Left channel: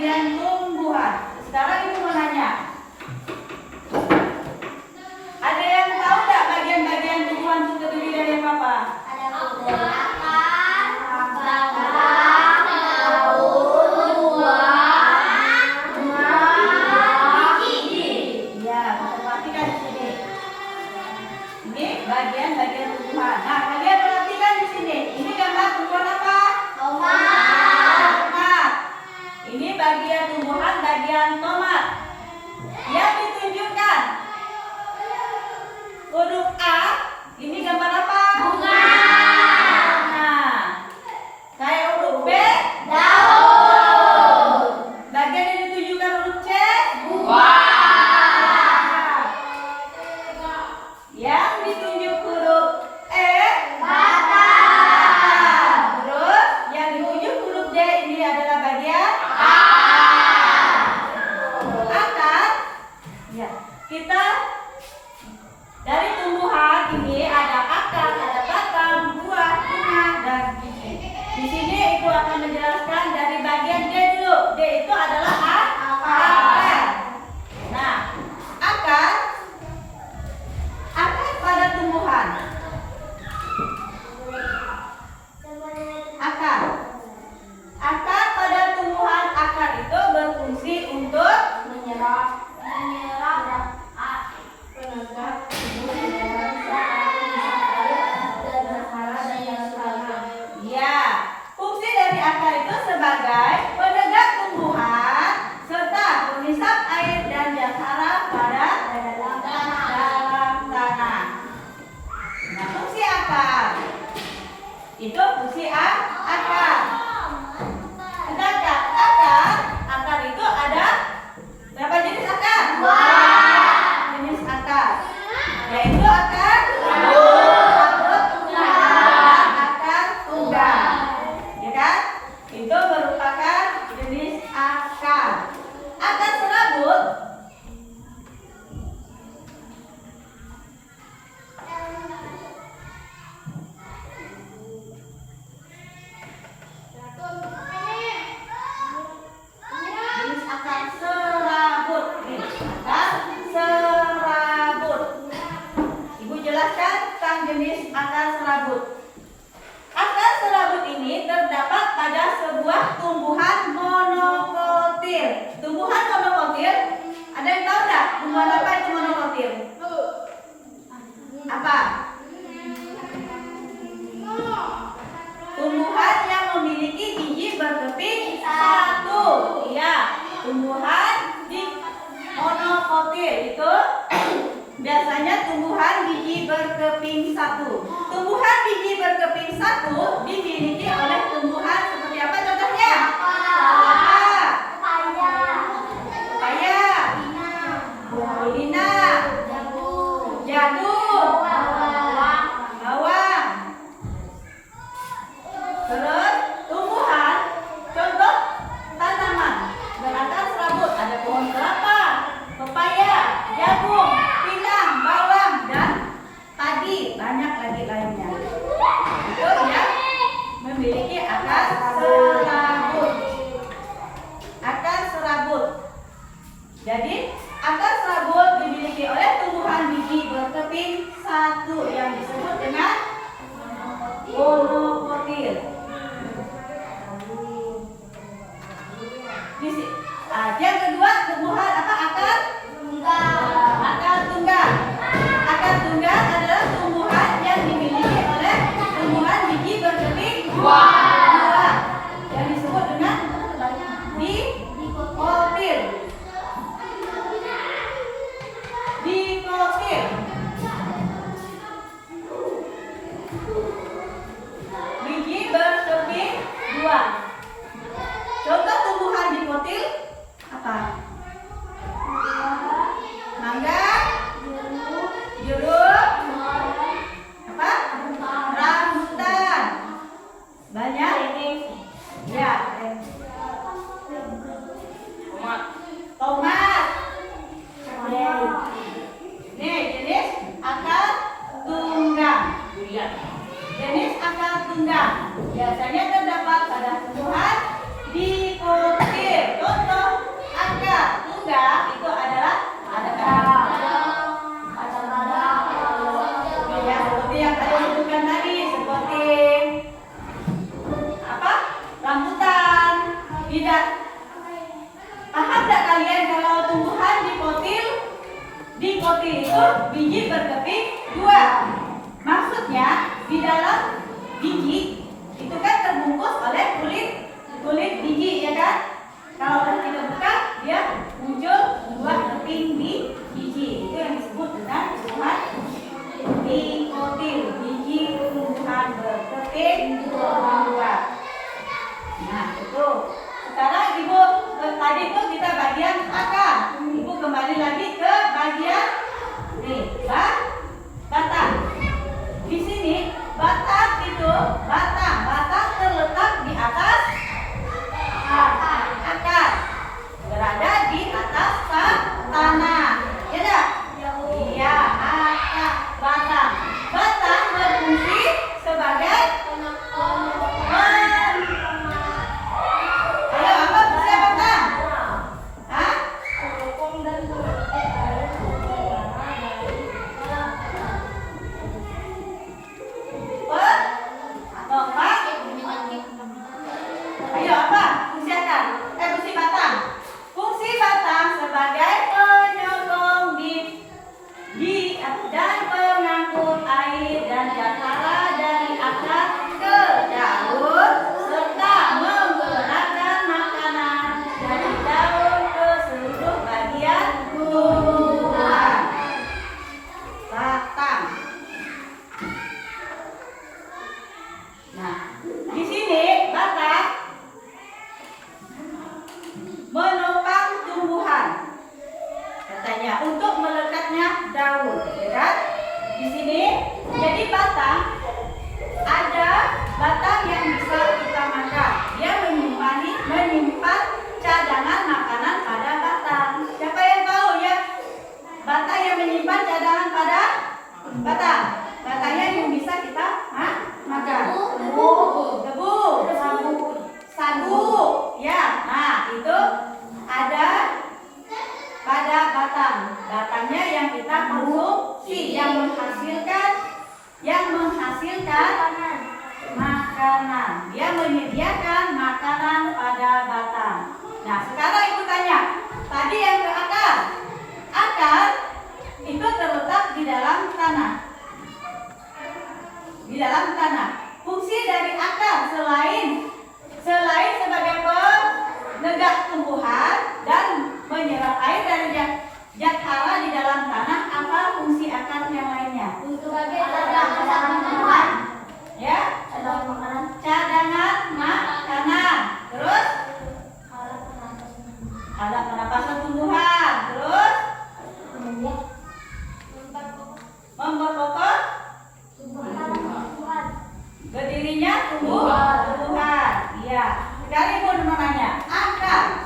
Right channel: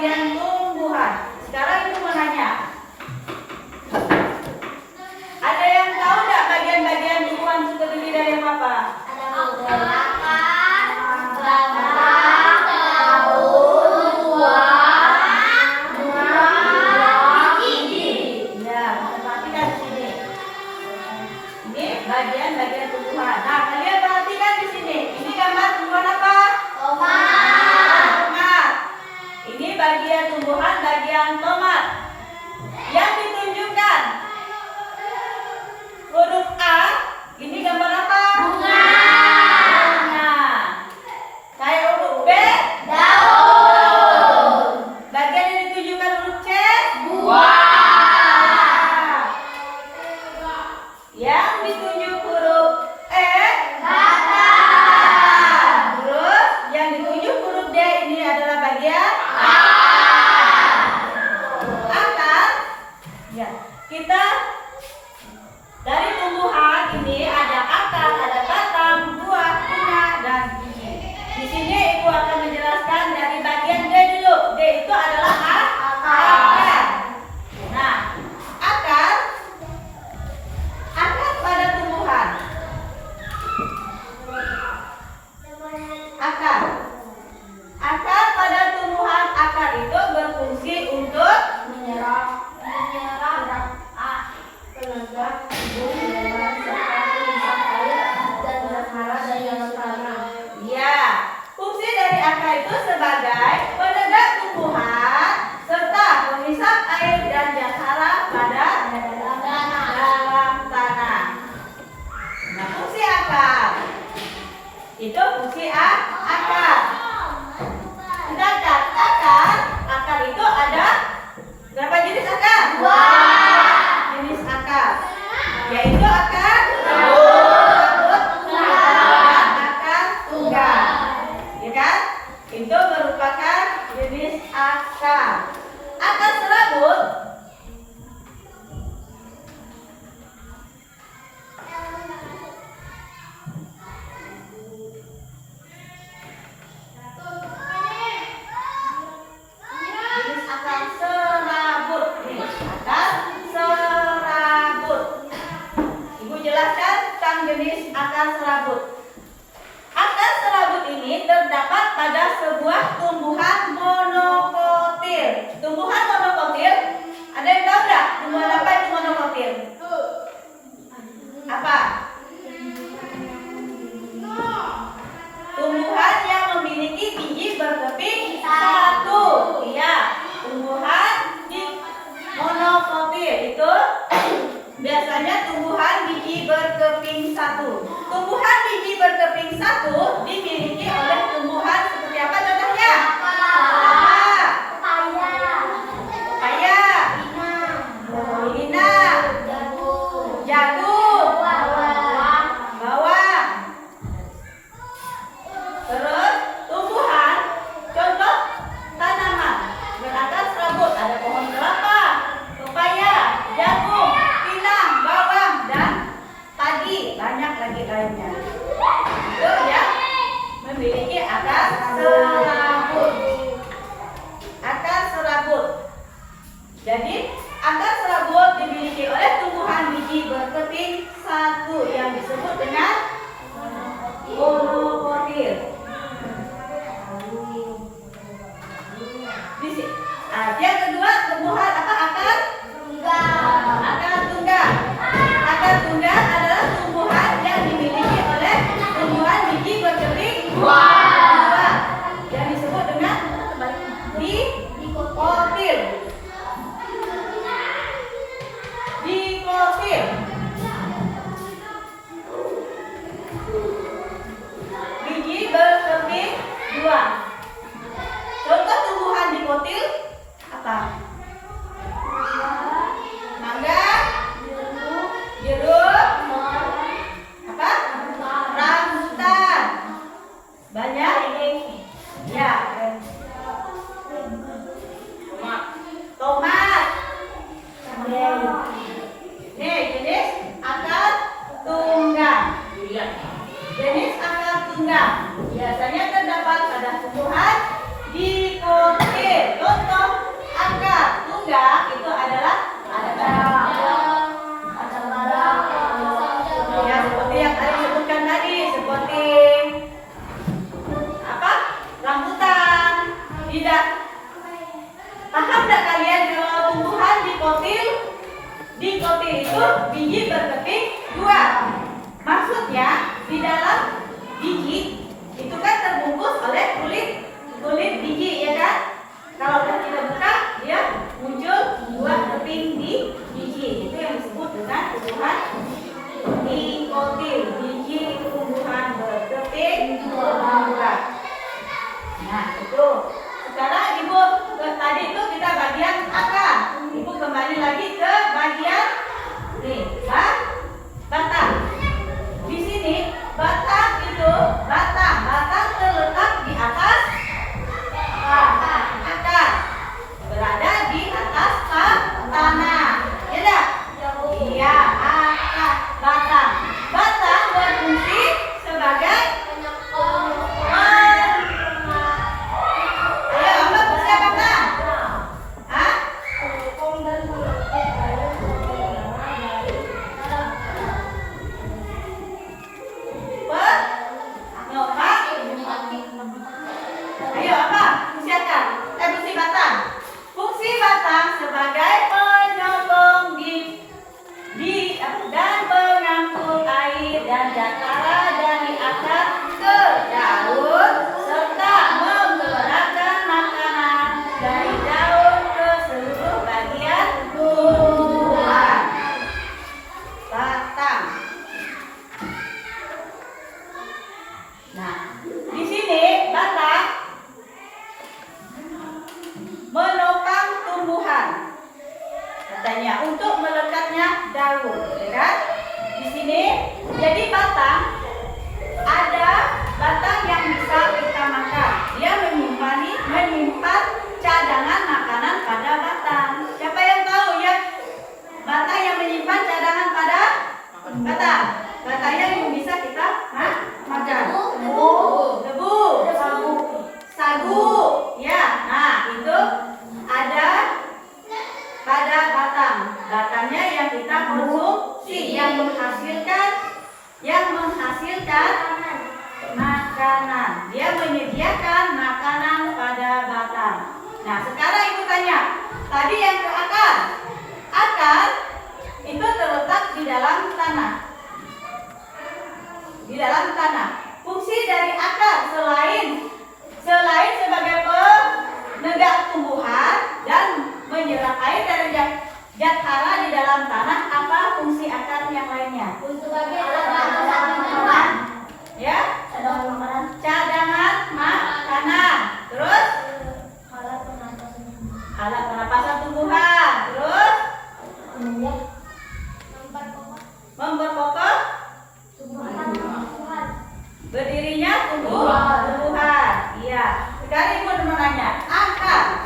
bagian tumbuhan. Sekarang ibu mau nanya. Ada yang tahu nggak bagian-bagian tumbuhan itu terdiri dari apa? Bagian-bagian tumbuhan. Nah, kalian perhatikan di sini. Ini gambar tumbuhan apa? Tomat. Ini bagian tumbuhan bagian tomat. Yang ditunjukkan huruf A. Ini gambar apa? Bunga. Kayak huruf B. Daun. Bagian yang ditunjukkan huruf C. Buah. Yang ditunjuk huruf E, batang. Terus yang ditunjuk huruf D ini adalah bagian akar. Ya, kita dari tumbuhan ini ada akar, ada batang, buah, bunga, dan biji. Di sini ibu akan menjelaskan dari bagian D dulu. D itu adalah akar. Nah, akar pada tumbuhan. Akar pada tumbuhan, akar itu berfungsi untuk menyerap tenaga tubuh hewan seperti misal air dan hara dan yang tanah. Ya, fungsi dari akar itu sebagai penegak tumbuhan serta pemisah air dan jasara pada dalam tanah. Nah, fungsi akar itu fungsi akar. Sedangkan akar itu ada berapa jenis akar? Dua jenis akar, yaitu akar serabut dan akar tunggal. Ya kan? Itu merupakan jenis akar. Akar serabut jenis akar serabut. Akar serabut ini terdapat pada sebuah tumbuhan monokotil. Tumbuhan monokotil, ada yang tahu nggak? Tumbuhan apa itu monokotil? Apa? Tumbuhan yang memiliki biji berkeping satu. Iya, tumbuhan monokotil itu biasanya tumbuhan biji berkeping satu. Tumbuhan biji berkeping satu dimiliki oleh tumbuhan seperti apa contohnya? Pepaya, Lina, jagung, bawang. Terus tumbuhan contoh tanaman berakar serabut, ada pohon kelapa, pepaya, jagung, bawang, dan padi, banyak lagi lainnya. Itu yang memiliki akar serabut. Akar serabut. Jadi akar serabut dimiliki oleh tumbuhan biji berkeping satu yang disebut dengan monokotil. Yang kedua tumbuhan apa? Akar tunggal. Akar tunggal adalah tumbuhan yang dimiliki oleh tumbuhan biji berkeping dua. biji berkeping dua. Maksudnya di dalam biji itu kan terbungkus oleh kulit biji, ya kan? Kalau kita buka, dia muncul dua keping di biji. Itu yang disebut dengan tumbuhan dikotil, biji tumbuhan berkeping dua. Nah, itu. Sekarang Ibu tadi itu kita bagian akar. Ibu kembali lagi ke bagian batang. Di sini batang itu batang terletak di atas akar, berada di atas tanah. Ya enggak? Iya, akar batang. Batang berfungsi sebagai fungsi batang sebagai penyokong dan pengangkut air dan cakara dari akar ke daun serta menggerakkan makanan dari daun ke seluruh bagian tumbuhan. Batang. Nah, di sini batang menopang tumbuhan, katanya untuk melekatnya daun, ya kan? Di sini jadi batang, ada batang yang bisa kita makan. Dia menyimpan cadangan makanan pada batang. Siapa yang tahu ya batang yang menyimpan cadangan pada batang? Batangnya yang bisa kita makan. Tebu, sagu, ya. Nah, itu ada pada batang. Batangnya yang kita konsumsi, yang menghasilkan makanan. Dia menyediakan makanan pada batang. Nah, sekarang Ibu tanya, tadi yang ke akar. Akar itu terletak di dalam tanah. Di dalam tanah. Fungsi dari akar selain sebagai penegak tumbuhan dan menyerap air dari jatara di dalam tanah, apa fungsi akar yang lainnya? Untuk tumbuhan. Ya, cadangan makanan. Terus alat pernapasan tumbuhan. Terus memperkokoh berdirinya tumbuhan. Iya. Sekarang Ibu mau nanya, akar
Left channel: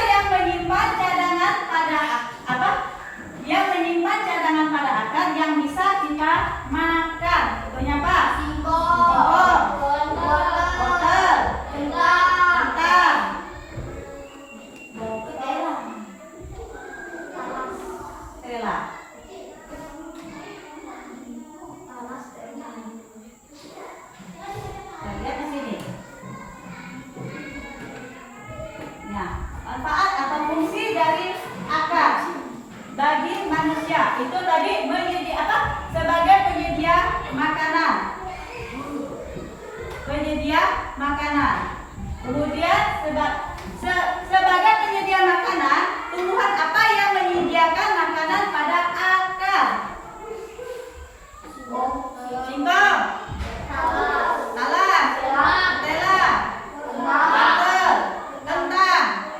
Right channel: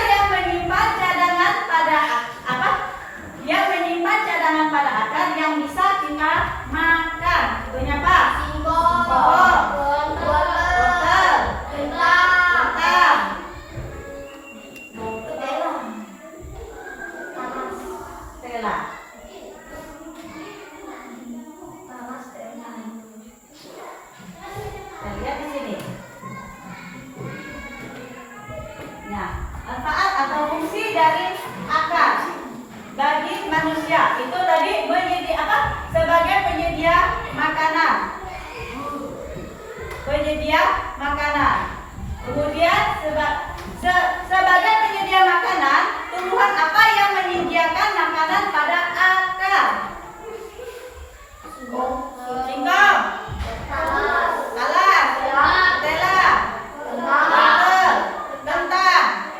yang menyimpan cadangan pada apa? Yang menyimpan cadangan pada akar yang bisa kita makan. Itunya apa? Singkong, wortel, kentang, tela. Nah, lihat di sini. Nah, manfaat atau fungsi dari akar bagi manusia itu tadi sebagai penyedia makanan. Kemudian sebagai penyedia makanan, tumbuhan apa yang menyediakan makanan pada akar? Singkong, talas, tela, wortel, kentang.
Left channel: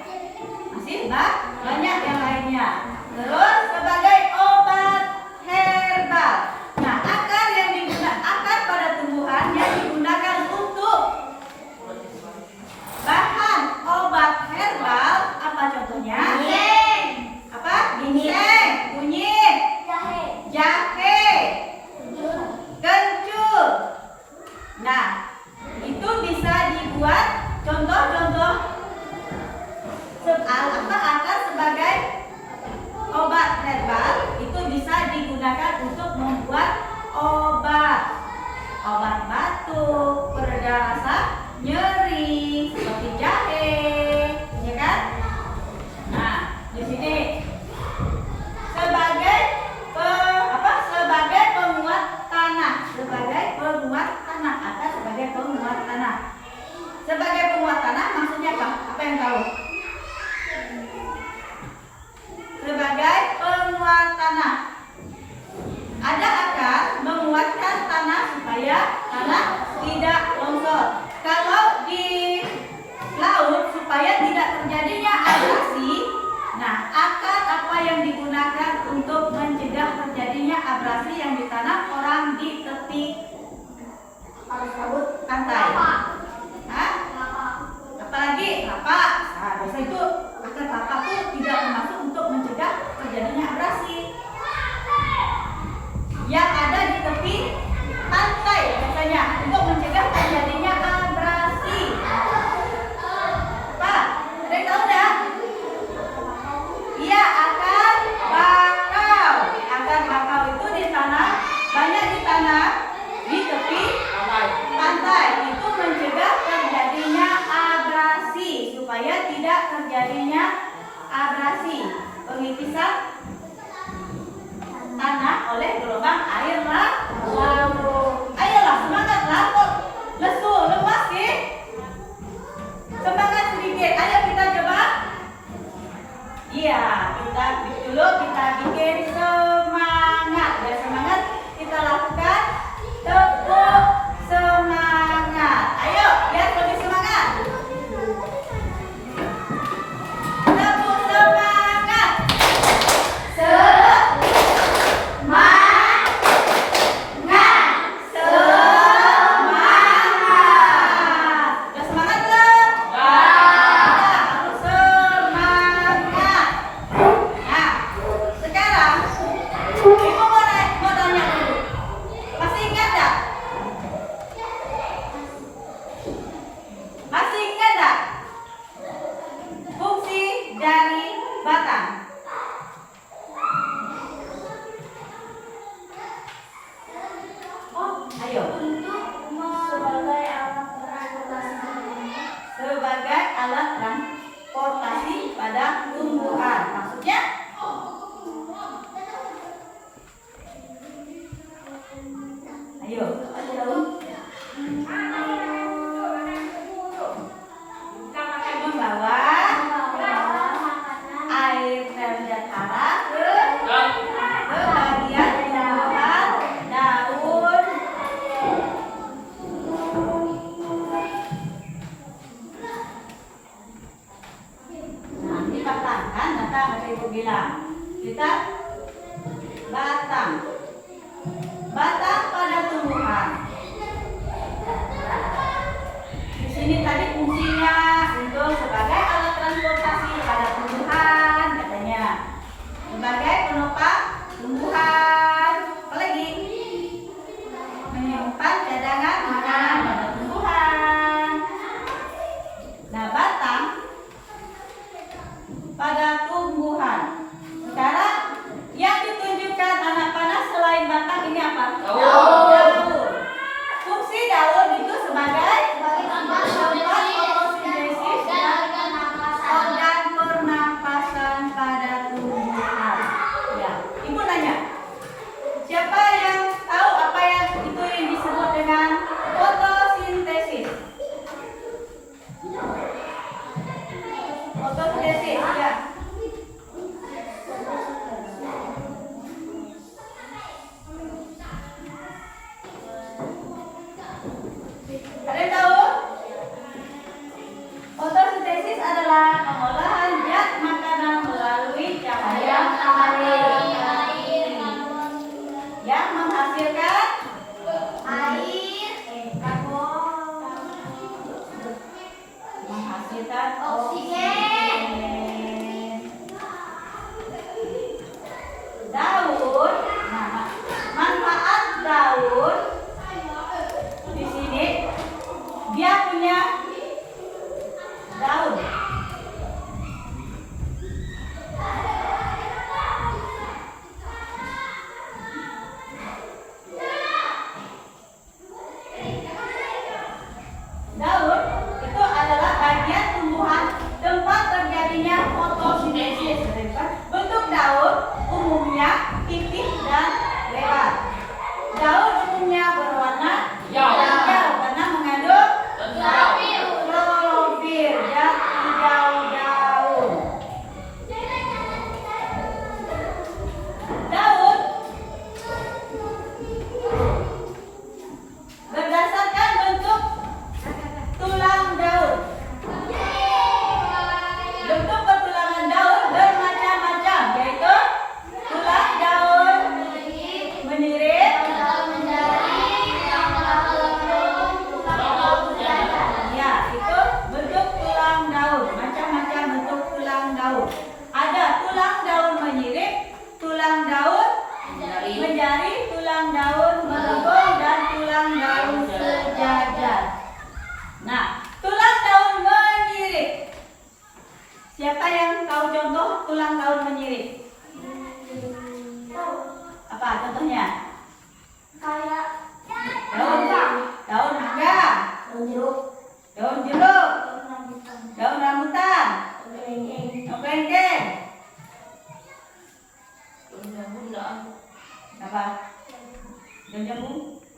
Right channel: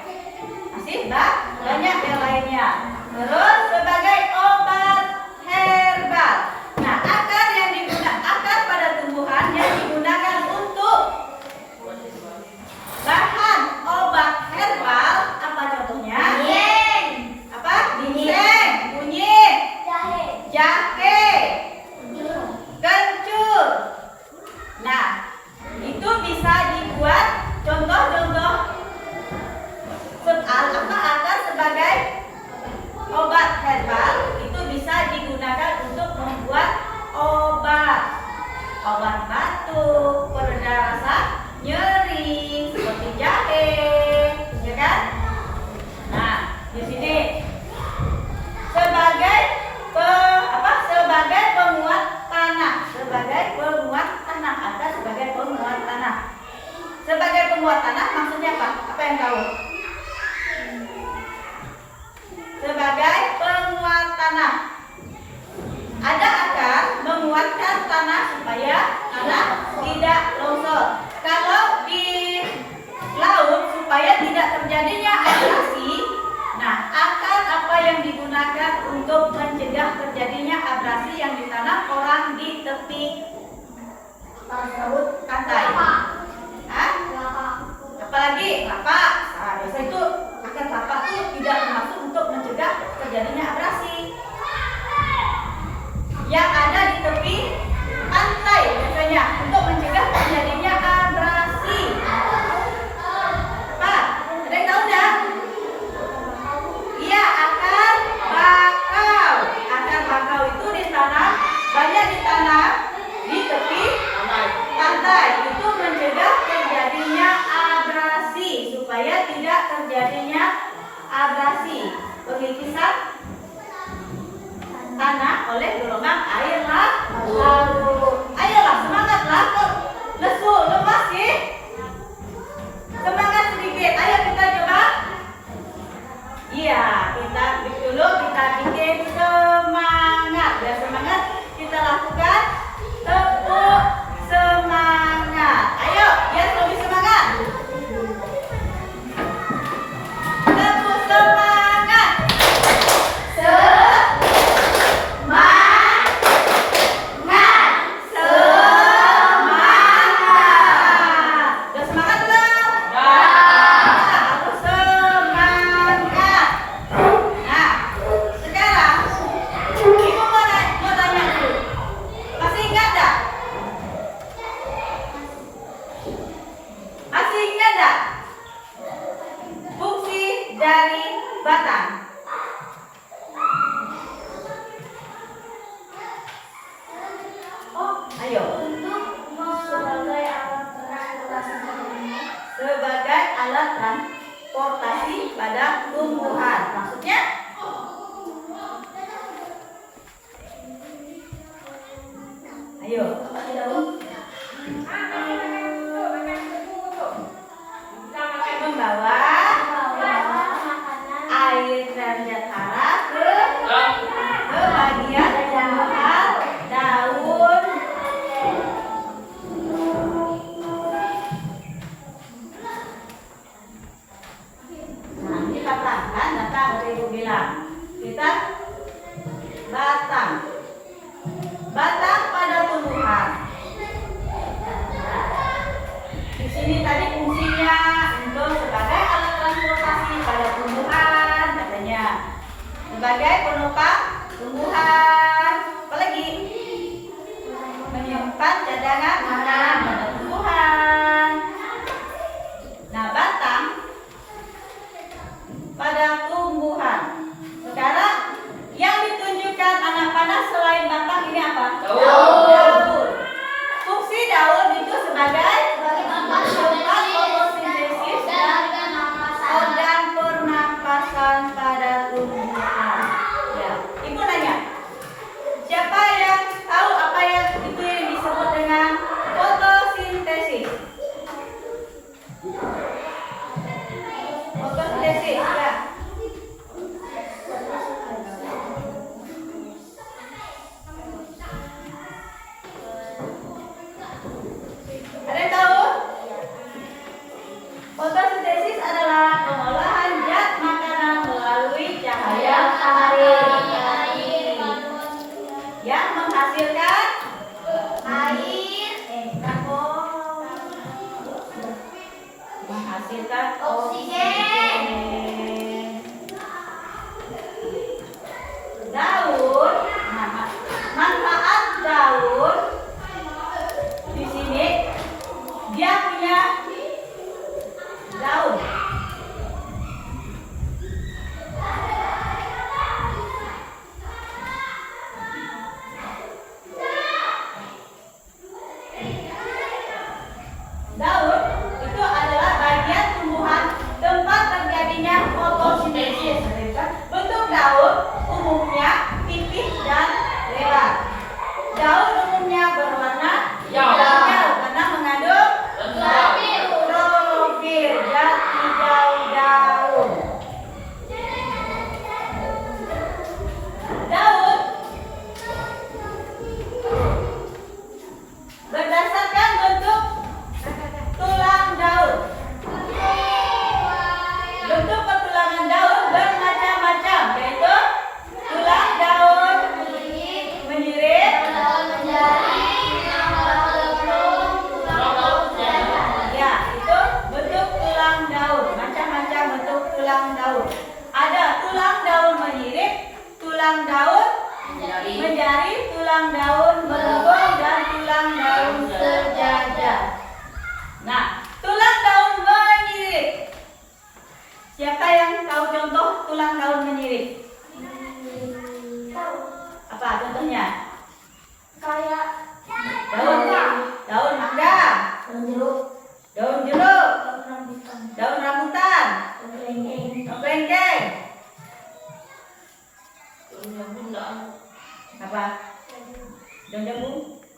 Masih banyak yang lainnya. Terus sebagai obat herbal. Nah, akar pada tumbuhan yang digunakan untuk bahan sebagai penguat tanah atau sebagai penguat tanah. Sebagai penguat tanah maksudnya apa? Apa yang tahu? Sebagai penguat tanah. Ada akar menguatkan tanah supaya tanah tidak longsor. Kalau di laut supaya tidak terjadinya abrasi, nah akar apa yang digunakan untuk mencegah terjadinya abrasi yang ditanam orang di tepi pantai? Hah? Apalagi kelapa. Nah, biasa itu akar kelapa itu tidak termasuk untuk mencegah terjadinya abrasi. Yang ada di tepi pantai biasanya untuk mencegah terjadinya abrasi. Pak, ada yang tahu nggak? Iya, akar bakau. Akar bakau itu ditanam, banyak ditanam di tepi pantai. Itu mencegah terjadinya abrasi supaya tidak terjadinya abrasi. Pengipisan tanah oleh gelombang air laut. Ayolah semangatlah, kok lesu lemas sih? Semangat sedikit. Ayo kita coba. Iya, kita dulu kita bikin semangat. Biar semangat kita lakukan tepuk semangat. Ayo, biar lebih semangat. Tepuk semangat. Masih ingat enggak fungsi dari batang? Ayo. Sebagai alat transportasi pada tumbuhan. Maksudnya? Ayo. Membawa air terjatara ke bagian bawah daun. Nah, ini batang kan, datang dari Ibu bilang. Kita batang. Batang pada tumbuhan. Di sini tadi fungsinya untuk sebagai alat transportasi pada tumbuhan katanya. Sebagai penopang tumbuhan. Apalagi? Menyimpan cadangan makanan pada tumbuhan. Nah, batang pada tumbuhan. Sekarang yang ditunjukkan anak panah selain batang ini apa? Daun. Fungsi daun itu sebagai tempat fotosintesis dan pernapasan pada tumbuhan. Ya, Ibu nanya, siapa yang tahu apa yang itu yang disebut dengan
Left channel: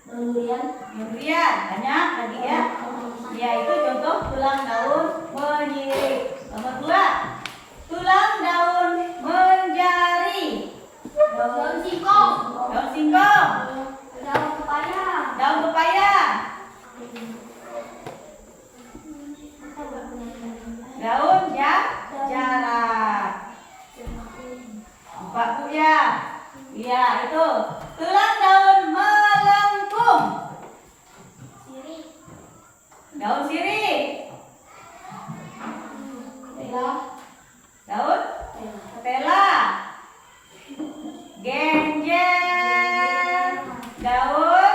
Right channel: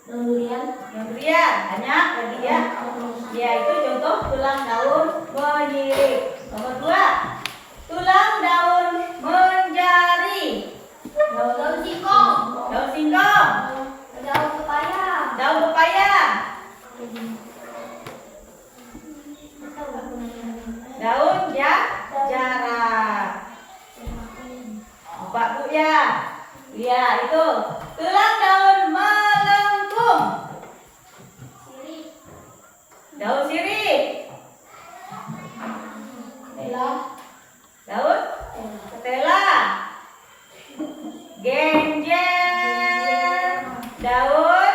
Yang durian banyak tadi ya. Ya itu contoh tulang daun menyirip. Nomor 2, tulang daun menjari. Daun singkong. Daun singkong. Daun pepaya. Daun pepaya. Daun jarak. Pak Bu ya. Iya itu tulang daun melengkung. Daun sirih. Daun ketela. Genjer. Daun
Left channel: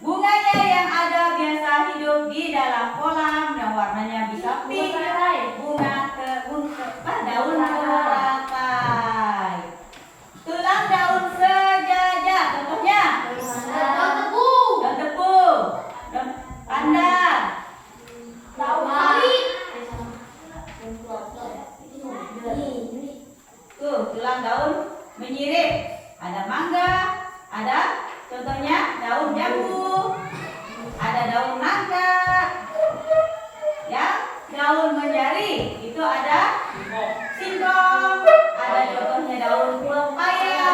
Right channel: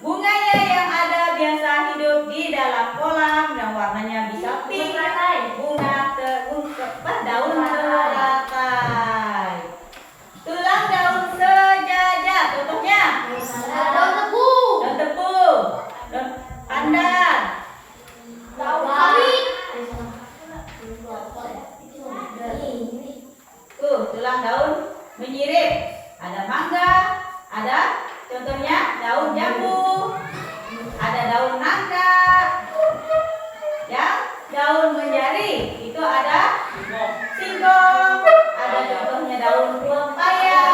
bunganya yang ada biasa hidup di dalam kolam dan warnanya bisa pink. Daun teratai. Tulang daun sejajar. Contohnya Daun tebu. daun tebu, daun pandan. Daun sawit. Tulang daun menyirip. Ada mangga, ada contohnya daun jambu, ada daun nangka. Ya, daun menjari itu ada singkong, ada contohnya daun pepaya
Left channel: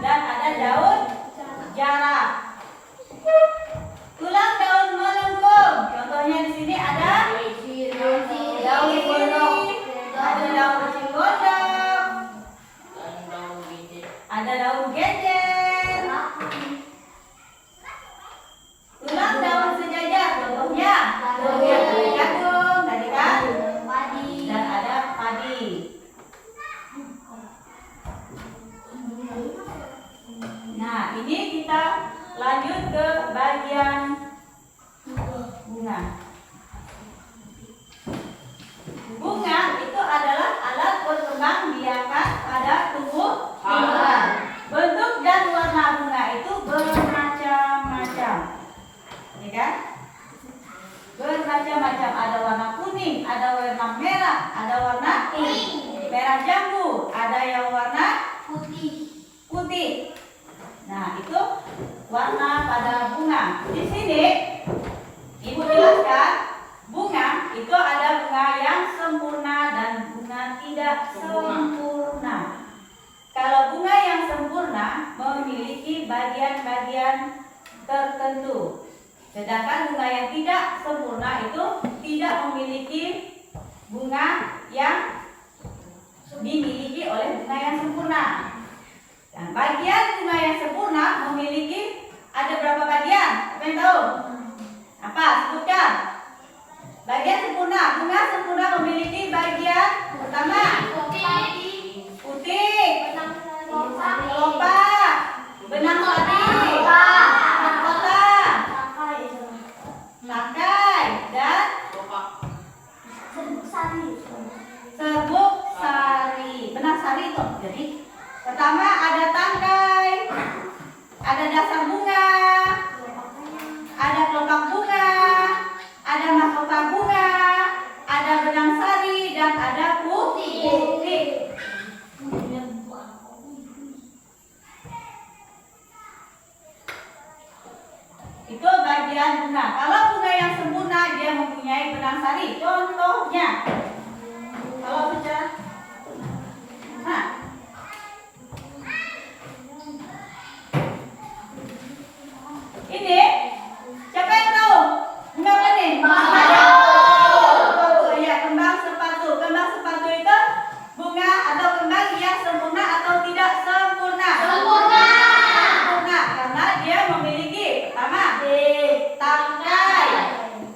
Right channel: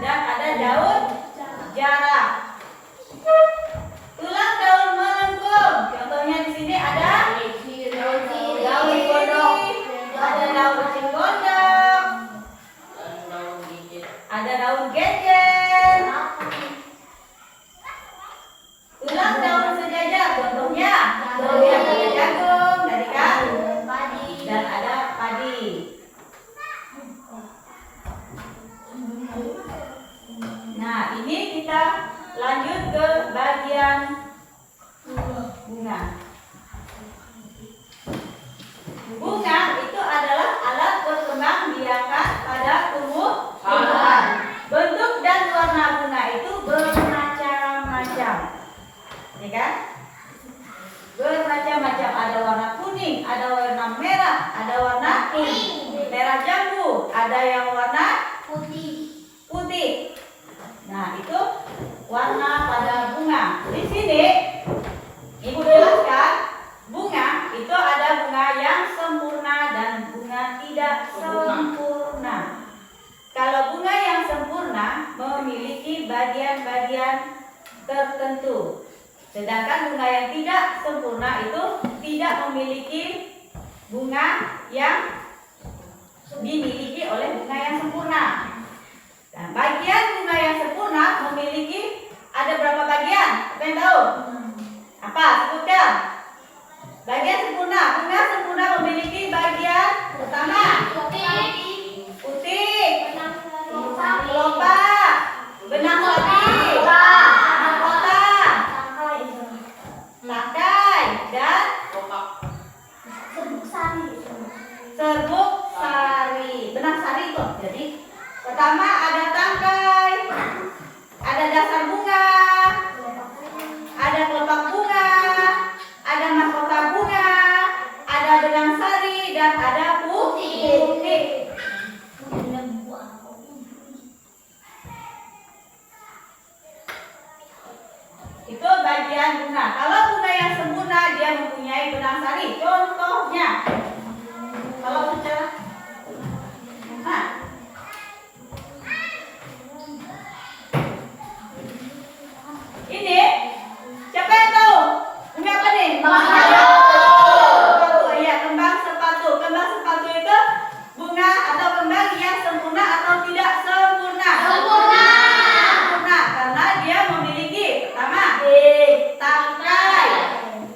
dan ada daun jarak. Tulang daun melengkung, contohnya di sini ada daun gondok, ada daun gondok, ada daun genjer. Tulang daun sejajar, contohnya daun jagung tadi kan, dan ada padi. Nah, ini kita lanjut ke bagian bunga. Bunga itu adalah alat berkembang biakan pada tumbuh tumbuhan. Bentuk dan warna bunga itu bermacam-macam, ya kan? Bermacam-macam. Ada warna kuning, ada warna merah, ada warna merah jambu, ada yang warna putih. Nah, itu warna pada bunga. Di sini Ibu jelaskan, bunga itu ada bunga yang sempurna dan bunga tidak sempurna. Kalau bunga yang sempurna memiliki bagian-bagian tertentu, sedangkan bunga yang tidak sempurna itu tidak memiliki bunga yang dimiliki oleh bunga yang sempurna. Dan bagian bunga yang sempurna memiliki ada berapa bagian? Siapa yang tahu? Apa? Sebutkan. Bagian sempurna. Bunga sempurna memiliki bagian pertama putih, kelopak, benang sari, mahkota, tangkai, dan serbuk sari. Benang sari itu. Jadi pertama ada tangkai, ada dasar bunga, ada kelopak bunga, ada mahkota bunga, ada benang sari, dan ada putih. Itu bagian bunga. Kalau bunga yang sempurna dia mempunyai benang sari. Contohnya, kalau sudah, nah, ini siapa yang tahu bunga apa nih? Sepatu. Iya, kembang sepatu. Kembang sepatu itu bunga atau kembang yang sempurna atau tidak sempurna? Sempurna, karena dia memiliki pertama tangkai,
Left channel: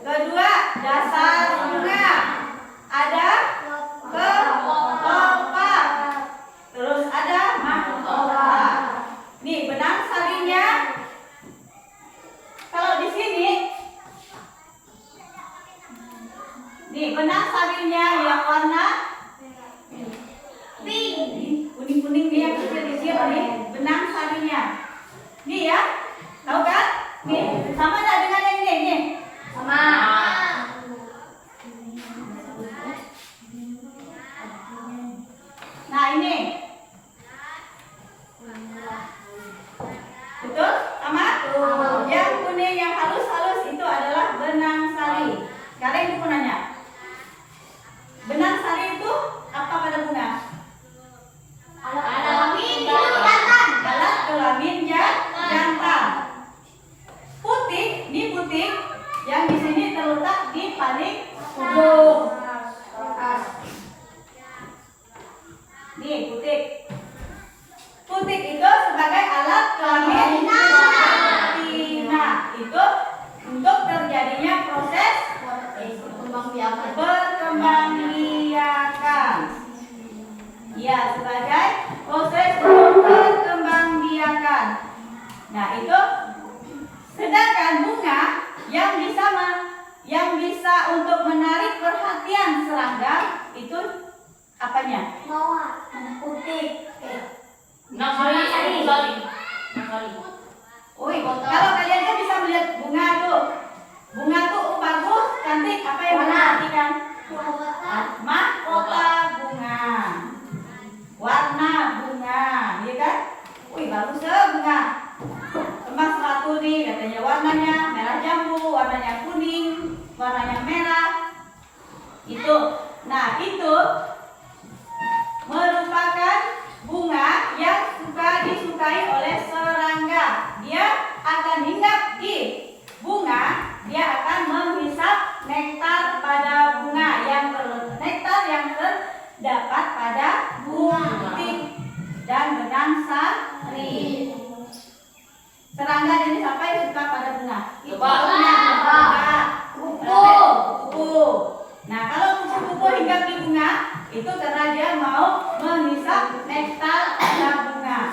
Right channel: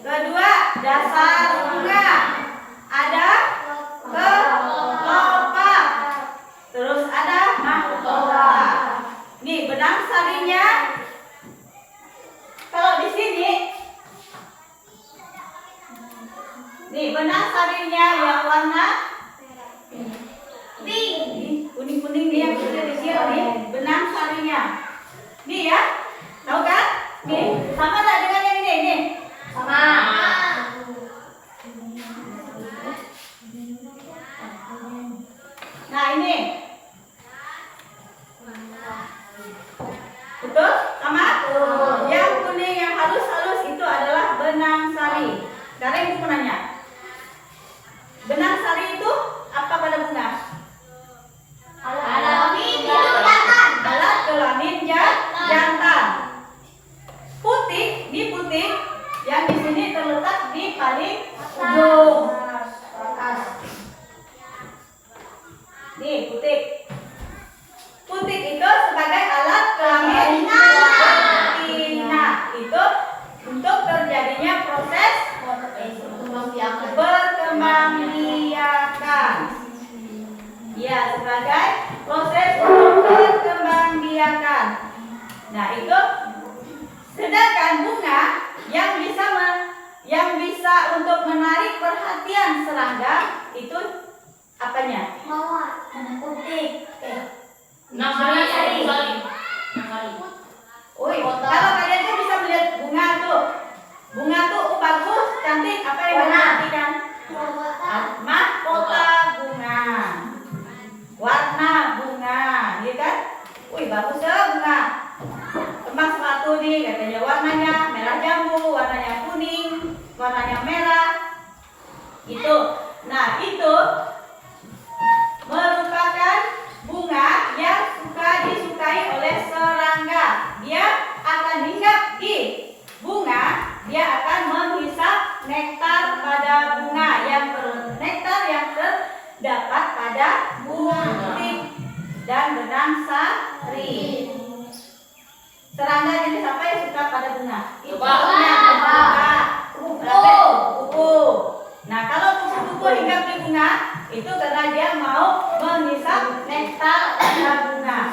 kedua dasar bunga, ada kelopak, terus ada mahkota. Nih benang sarinya. Kalau di sini, nih benang sarinya yang warna pink, kuning-kuning nih yang kecil-kecil nih, benang sarinya. Nih ya, tahu kan? Nih, sama tak dengan yang ini? Nih, sama. Nah ini, betul? Sama? putik yang di sini terletak di paling ujung. Nih putik. Putik itu sebagai alat kelamin betina. Itu untuk terjadinya proses berkembangbiakan. Ya, sebagai proses untuk berkembangbiakan. Nah, itu sedangkan bunga yang bisa untuk menarik perhatian serangga itu apanya? Mawar. Putik. 6 kali. Kalau kalian tuh bisa melihat bunga tuh. Bunga tuh bagus, cantik. Apa yang diperhatikan? Mahkota bunga. Warna bunga, ya kan? Wih, bagus ya bunga. Teman sepatu nih, katanya warnanya merah jambu, warnanya kuning, warnanya merah. Itu. Nah, itu merupakan bunga yang disukai oleh serangga. Dia akan hinggap di bunga, dia akan menghisap nektar pada bunga nektar yang terdapat pada bunga putik dan benang sari. Serangga jenis apa yang suka pada bunga? Kupu. Nah, kalau kupu-kupu hinggap di bunga, itu karena dia mau menghisap nektar pada bunga.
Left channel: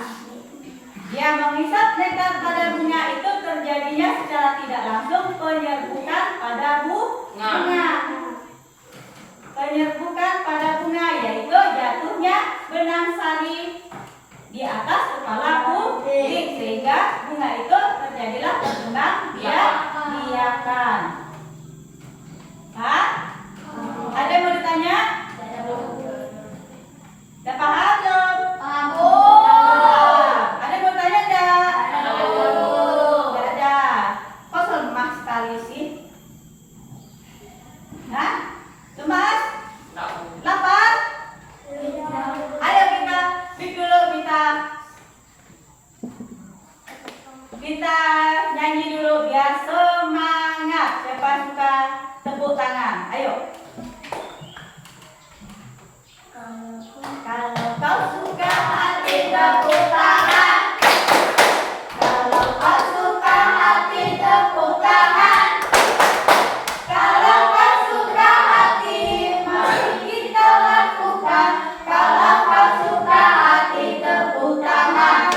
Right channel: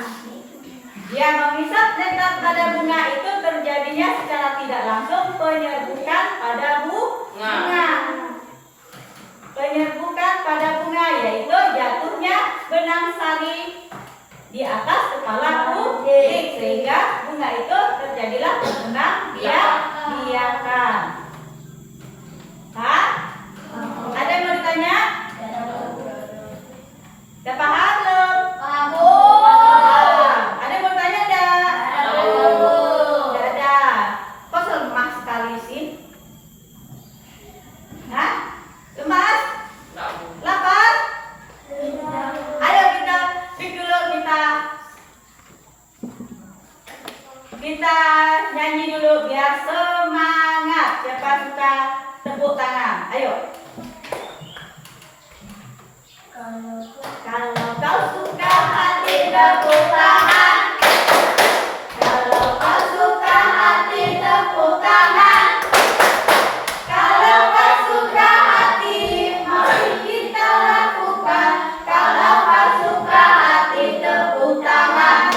Dia menghisap nektar pada bunga itu terjadinya secara tidak langsung penyerbukan pada bunga. Penyerbukan pada bunga yaitu jatuhnya benang sari di atas kepala putik sehingga bunga itu terjadilah perkembangbiakan. Hah? Ada yang mau ditanya? Udah paham belum? Ada yang mau tanya enggak? Enggak ada. Kok lemah sekali sih? Hah? Lemas? Lapar? Ayo kita nyanyi dulu biar semangat. Siapa suka tepuk tangan? Ayo. Kalau kau suka hati tepuk tangan. Kalau kau suka hati tepuk tangan. Kalau kau suka hati mari kita lakukan. Kalau kau suka hati tepuk tangan.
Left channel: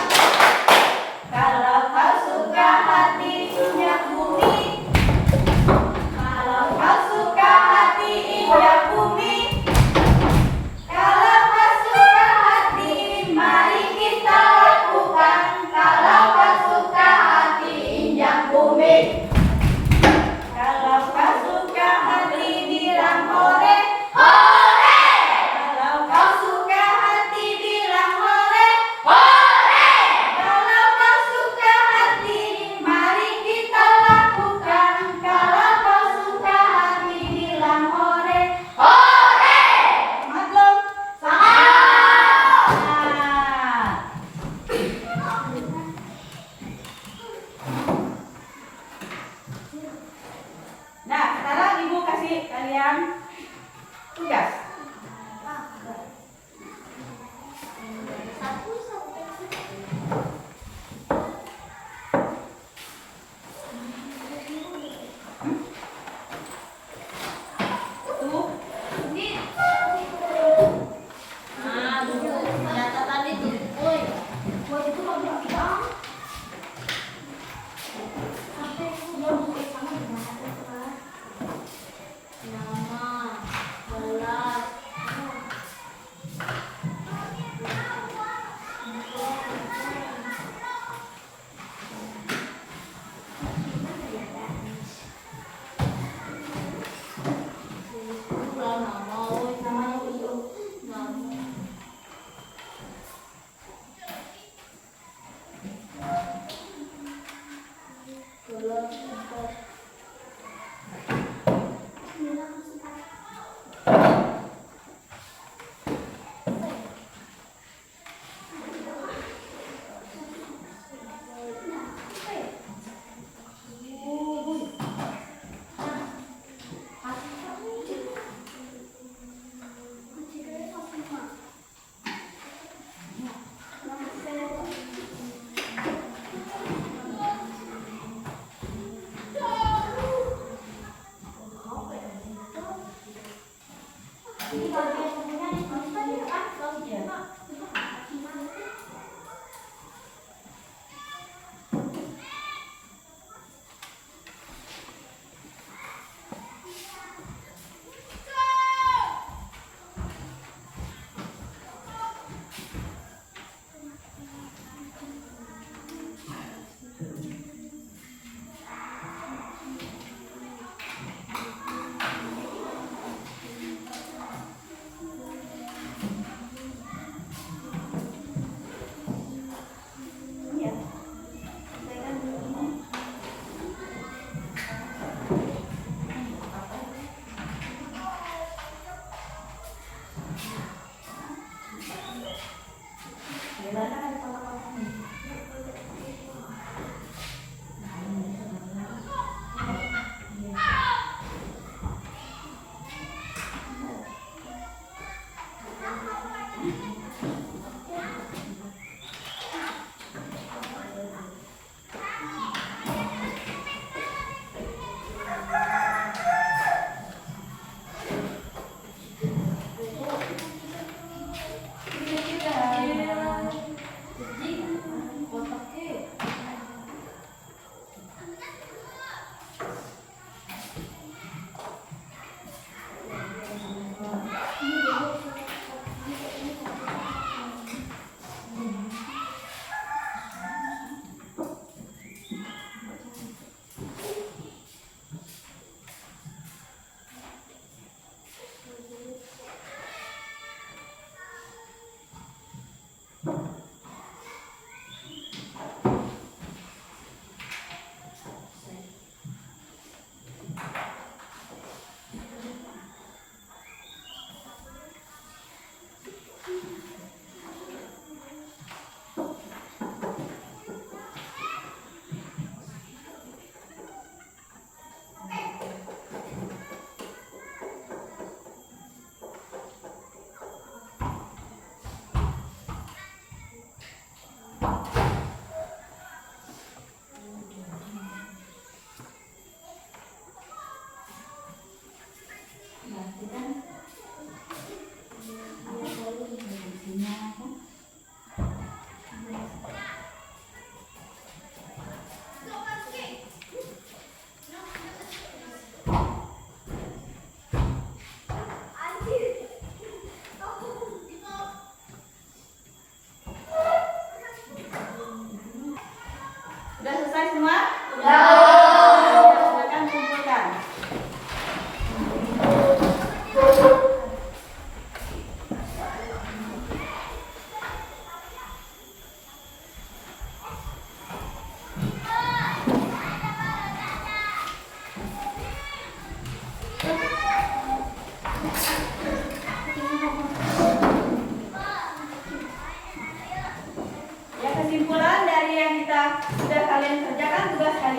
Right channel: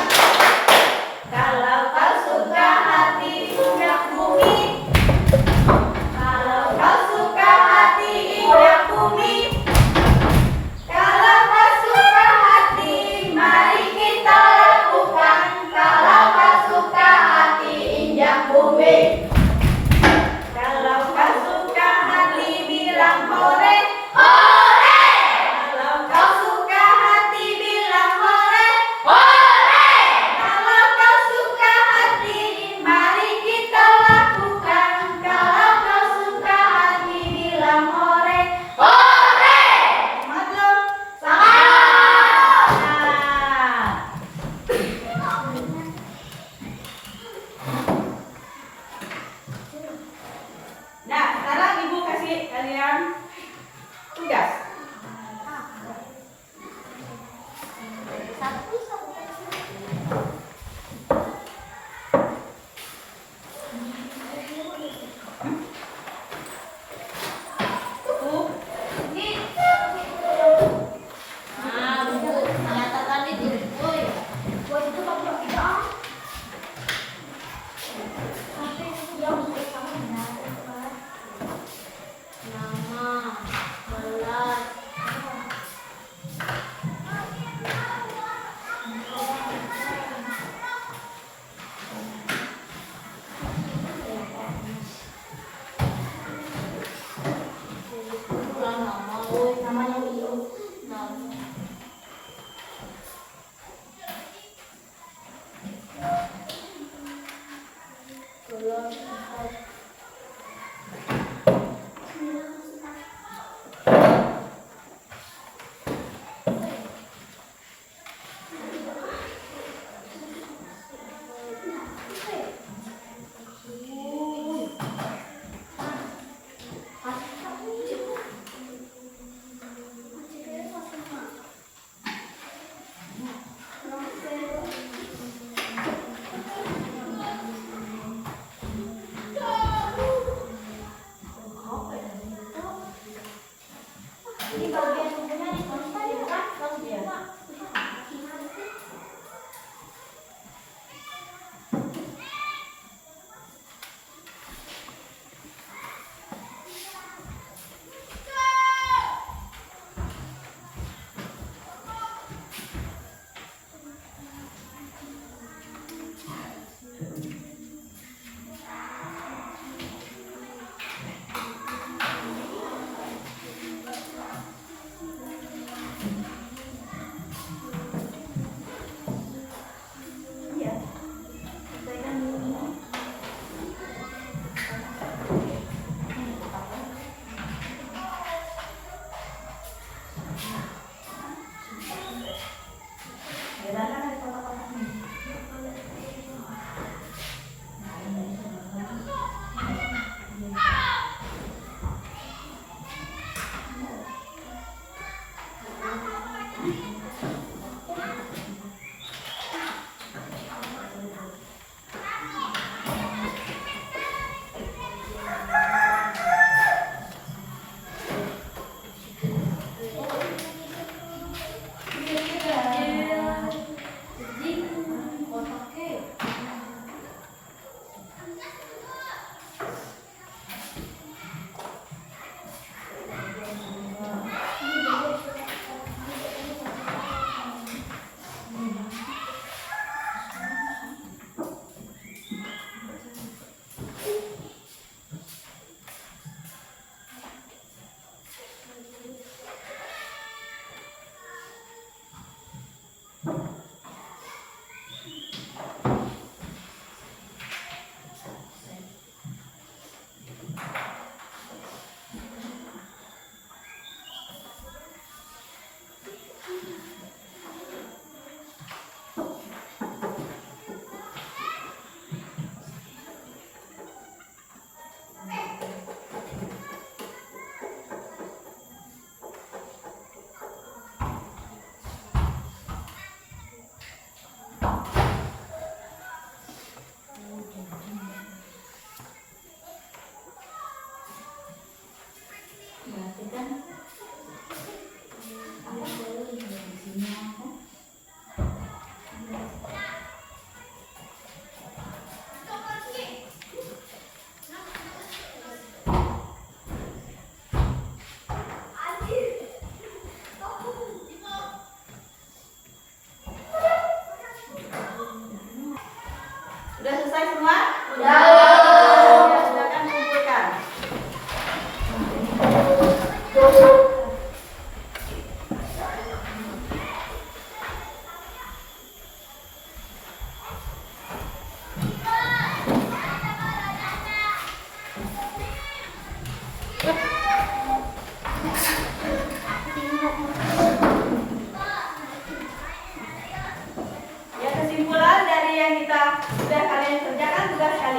Kalau kau suka hati injak bumi. Kalau kau suka hati injak bumi. Kalau kau suka hati mari kita lakukan. Kalau kau suka hati injak bumi. Kalau kau suka hati bilang hore. Hore. Kalau kau suka hati bilang hore. Hore. Kalau kau suka hati mari kita lakukan. Kalau kau suka hati bilang hore. Hore. Semangat belum? Semangat. Nah, sekarang ibu kasih kalian tugas. Tuh,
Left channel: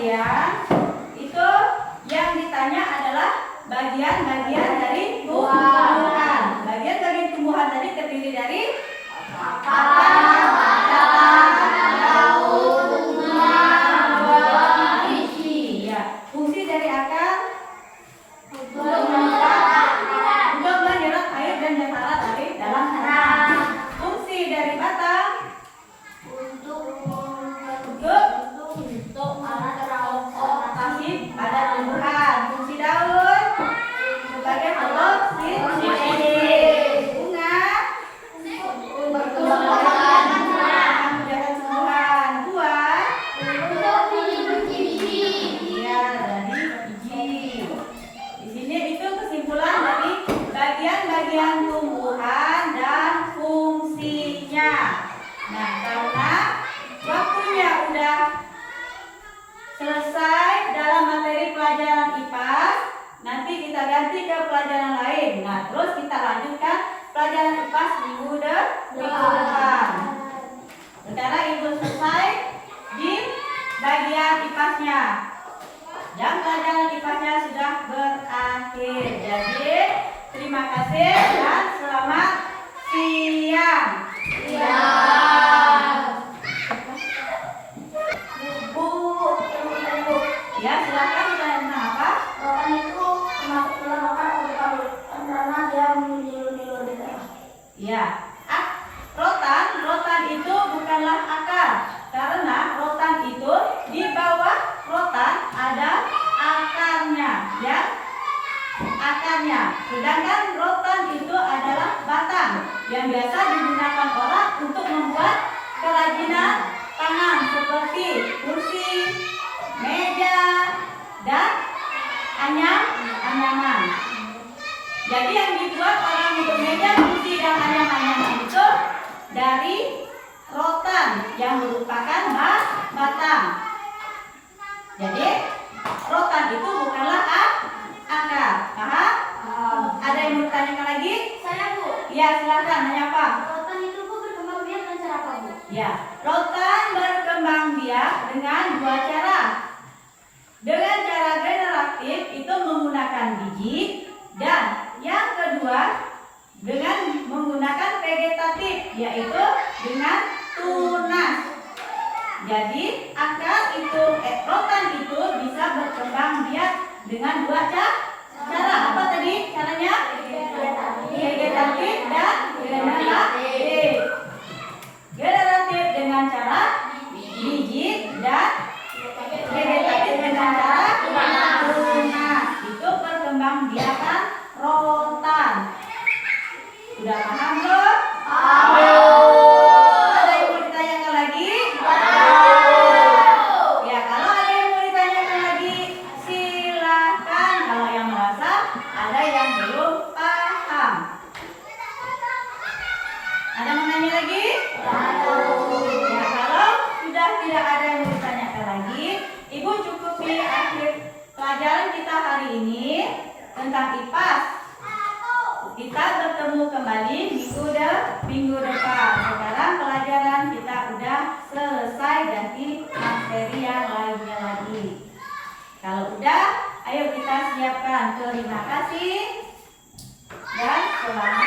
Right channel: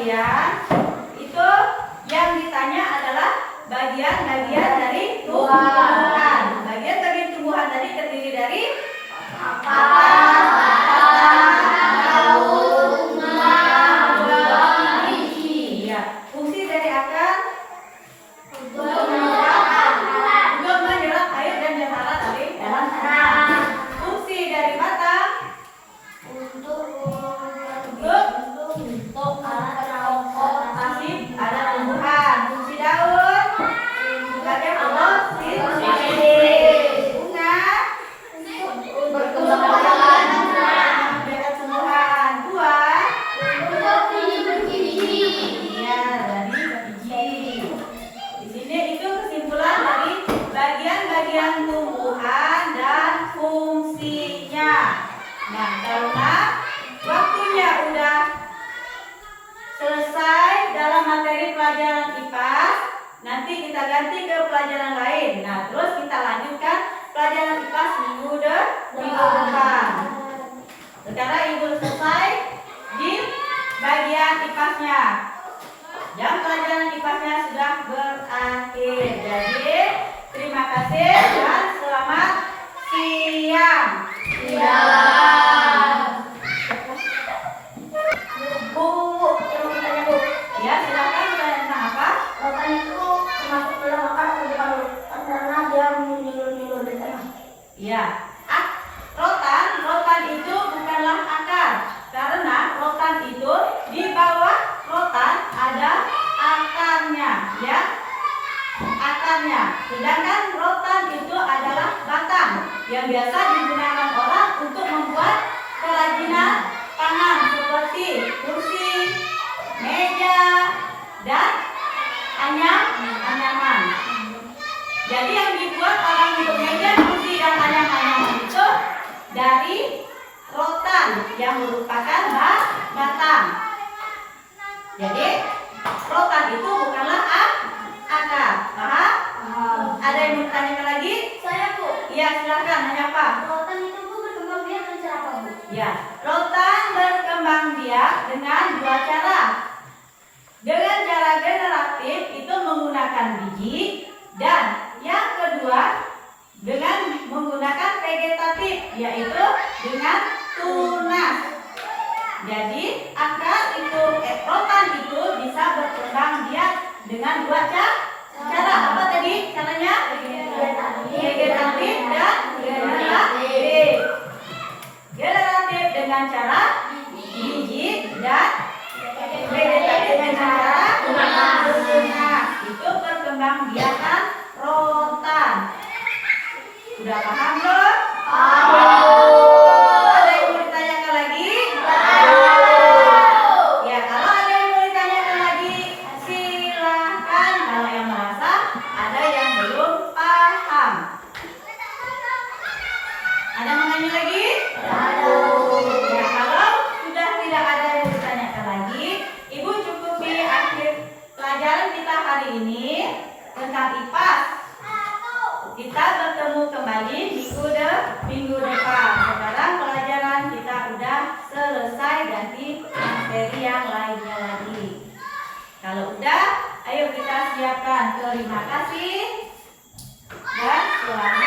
kalian, itu yang ditanya adalah bagian-bagian dari tumbuhan. Bagian-bagian tumbuhan tadi terdiri dari daun, bunga, biji. ya. Fungsi dari akar Untuk menyerap untuk menyerap air dan cairan dari dalam tanah. Fungsi dari batang untuk alat transportasi pada tumbuhan. Fungsi daun sebagai fotosintese. Bunga perkembangan menjaga tumbuhan. Buah untuk biji-biji. ya dari biji. Di sini itu kesimpulan dari bagian-bagian tumbuhan dan fungsinya. Nah, karena waktunya udah selesai dalam materi pelajaran IPAS, nanti kita ganti ke pelajaran lain. Nah, terus kita lanjutkan pelajaran IPAS minggu depan. Sekarang Ibu selesai di bagian IPAS-nya. Dan pelajaran IPAS-nya sudah berakhir. Jadi, terima kasih dan selamat siang. Bu, yang mau tanya Bu, Ya, silakan bertanya tentang apa? rotan itu termasuk dalam makan atau bukan? Karena dia menjulur-julur di tengah. Ya, rotan itu bukanlah akar, karena rotan itu di bawah rotan ada akarnya, ya, akarnya. Sedangkan rotan itu adalah batang yang biasa digunakan orang untuk membuat kerajinan tangan seperti kursi, meja, dan anyaman. Jadi yang dibuat orang untuk meja, kursi, dan anyaman itu dari rotan yang merupakan batang. Jadi rotan itu bukanlah akar. Paham? Ada yang mau ditanyakan lagi? Saya Bu, Ya, silakan. Nanya apa? rotan itu Bu berkembang biak dengan cara apa Bu? Ya, rotan berkembang biak dengan dua cara. Dengan cara generatif itu menggunakan biji, dan yang kedua dengan menggunakan vegetatif, yaitu dengan tunas. Jadi rotan itu bisa berkembang biak dengan dua cara. Apa tadi caranya? Vegetatif dan generatif. Generatif dengan cara biji dan vegetatif dengan cara tunas. Itu perkembangbiakan rotan. Sudah paham belum? Ada yang mau ditanyakan lagi? Ya, kalau ada yang mau ditanyakan lagi, silakan. Kalau yang merasa ada yang belum paham. Ada yang mau nanya lagi? Ya, kalau sudah tidak ada yang mau ditanyakan lagi, Ibu cukupi akhir pelajaran kita hari ini tentang IPAS. Kita bertemu kembali minggu depan. Sekarang pelajaran kita udah selesai, ganti materi yang lainnya lagi. Kalau udah, ayo kita siapkan. Terima kasih dan selamat